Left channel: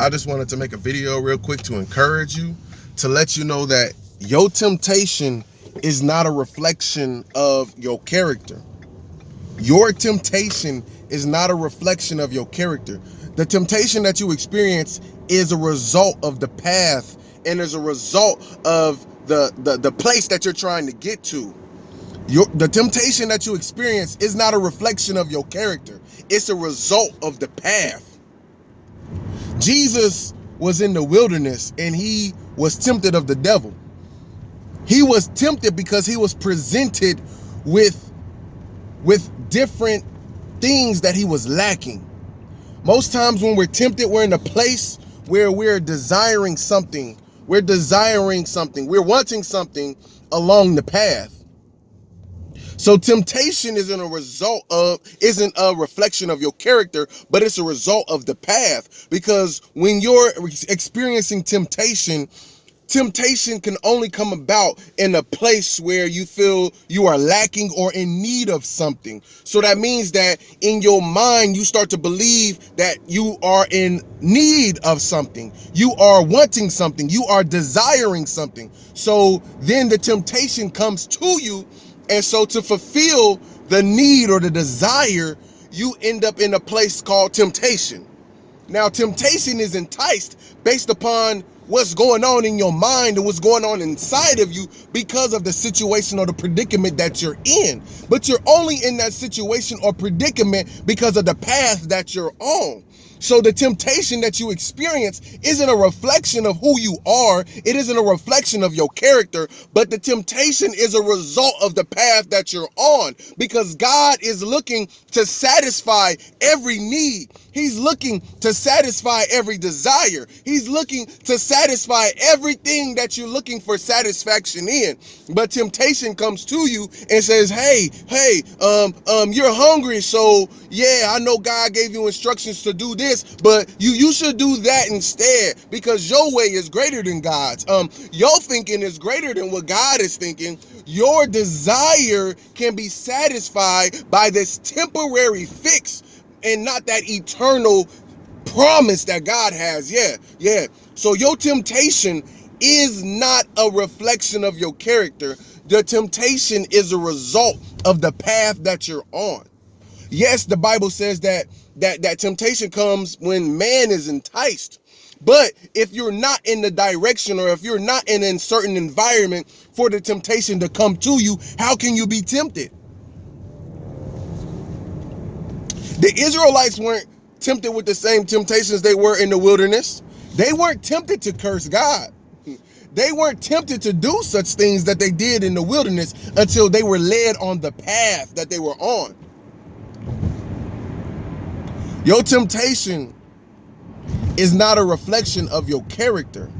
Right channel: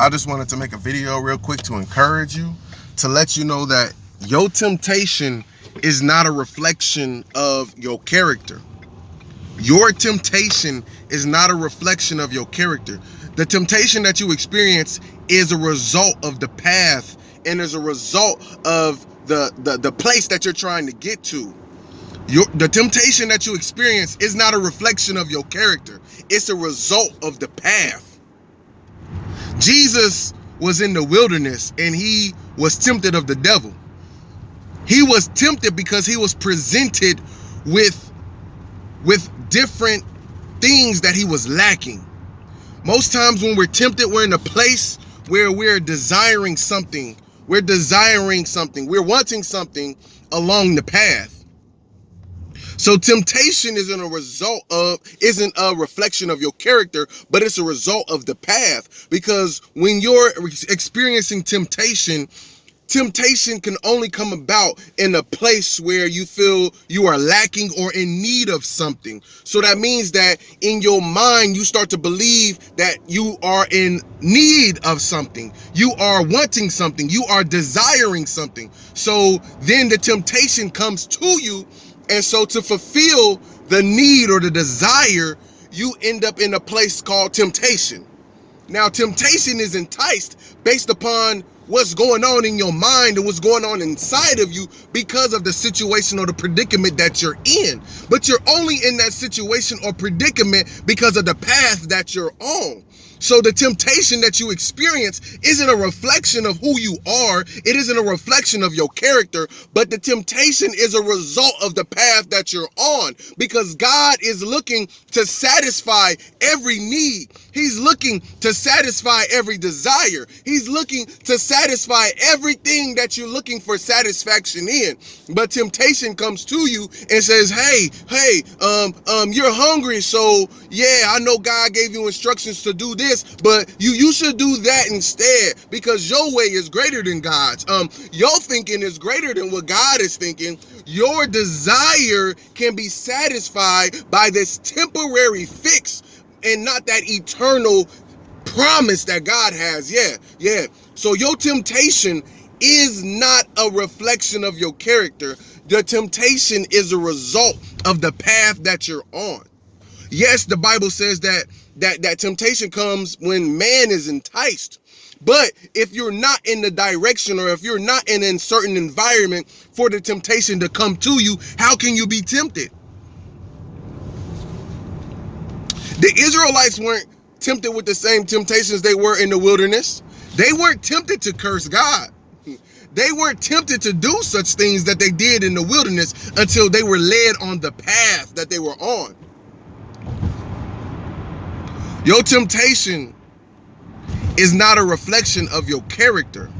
I just wanted to make a video real quick to encourage you, to let you know that your temptation is not a reflection of your character. Your temptation is not a reflection of your character. The temptation that you experience is a result of the path and is a result of the place that you're trying to get to. The temptation that you experience is not a reflection of your character. It's a result of the path. Jesus was in the wilderness and he was tempted of the devil. He was tempted because he was presented with different things that he was lacking. Most times when we're tempted, we're in a place where we're desiring something. We're wanting something along the path. So temptation isn't a reflection of your character, but it's a result of the path. Because when you're experiencing temptation can only come about in a place where you feel you are lacking or in need of something. So that means that in your mind, you start to believe that you are in need of something. You are wanting something. You are desiring something. So then the temptation comes to you. And so to fulfill the need or the desire, you end up in a place called temptation. Now, temptation is enticed based upon what's going on in your mind and what's going on inside of you because of the situation or the predicament that you're in. But you're only in that situation or predicament because of the path that you're on. So the temptation that you experience isn't a reflection of who you are. It isn't a reflection of your character, but the temptation is a result of the path that you're on, because God is looking to satisfy every need. He's looking to satisfy every desire. He's looking to satisfy everything that you're looking for satisfaction in. But temptation comes to you and says, hey, you're hungry. So yeah, I know God gave you instructions to do this, but you should do that instead, because your way is greater than God's. Your thinking is greater than what God is thinking. Your desire can be satisfied by this temporary fix and not that eternal promise that God has. Yeah. So your temptation is not a reflection of your character. The temptation is a result of the path that you're on. Yes, the Bible says that temptation comes when man is enticed. But if you're not in the direction, or if you're not in a certain environment for the temptation to come to you, how can you be tempted? The Israelites weren't tempted with the same temptations they were in the wilderness. They weren't tempted to curse God. They weren't tempted to do such things that they did in the wilderness until they were led on the path that they were on. Your temptation is not a reflection of your character.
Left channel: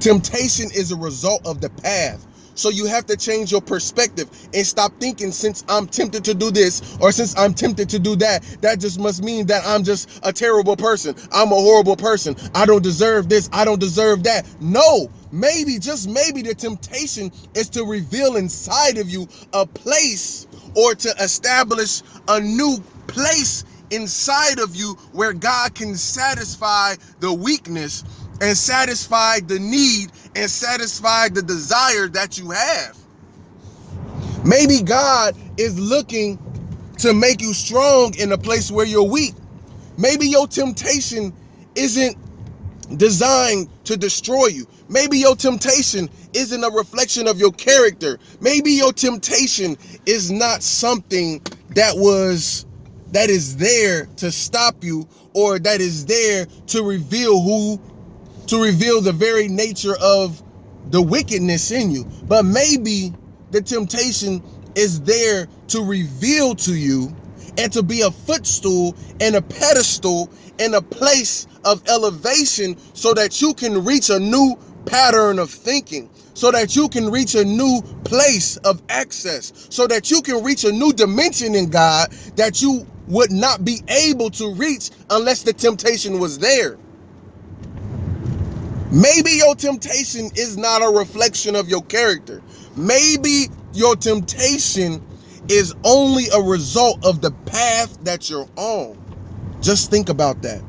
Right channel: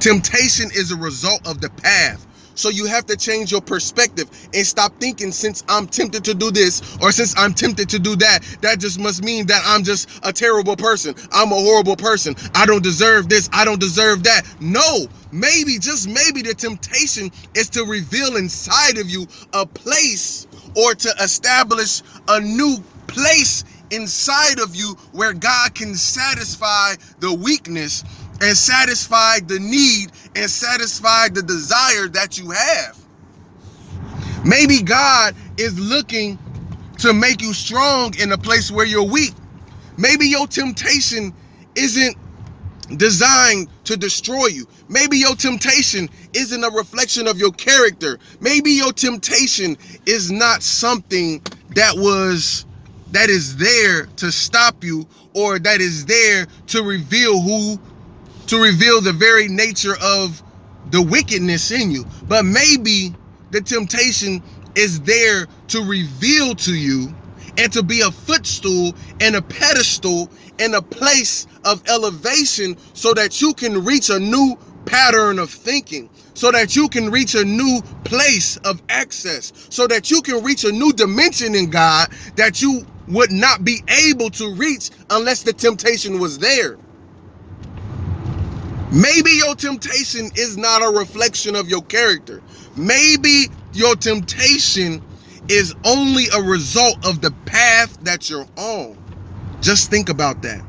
Temptation is a result of the path. So you have to change your perspective and stop thinking, since I'm tempted to do this or since I'm tempted to do that, that just must mean that I'm just a terrible person. I'm a horrible person. I don't deserve this. I don't deserve that. No, maybe, just maybe, the temptation is to reveal inside of you a place, or to establish a new place inside of you where God can satisfy the weakness and satisfy the need and satisfy the desire that you have. Maybe God is looking to make you strong in a place where you're weak. Maybe your temptation isn't designed to destroy you. Maybe your temptation isn't a reflection of your character. Maybe your temptation is not something that is there to stop you, or that is there to reveal the very nature of the wickedness in you. But maybe the temptation is there to reveal to you and to be a footstool and a pedestal and a place of elevation, so that you can reach a new pattern of thinking, so that you can reach a new place of access, so that you can reach a new dimension in God that you would not be able to reach unless the temptation was there. Maybe your temptation is not a reflection of your character. Maybe your temptation is only a result of the path that you're on. Just think about that.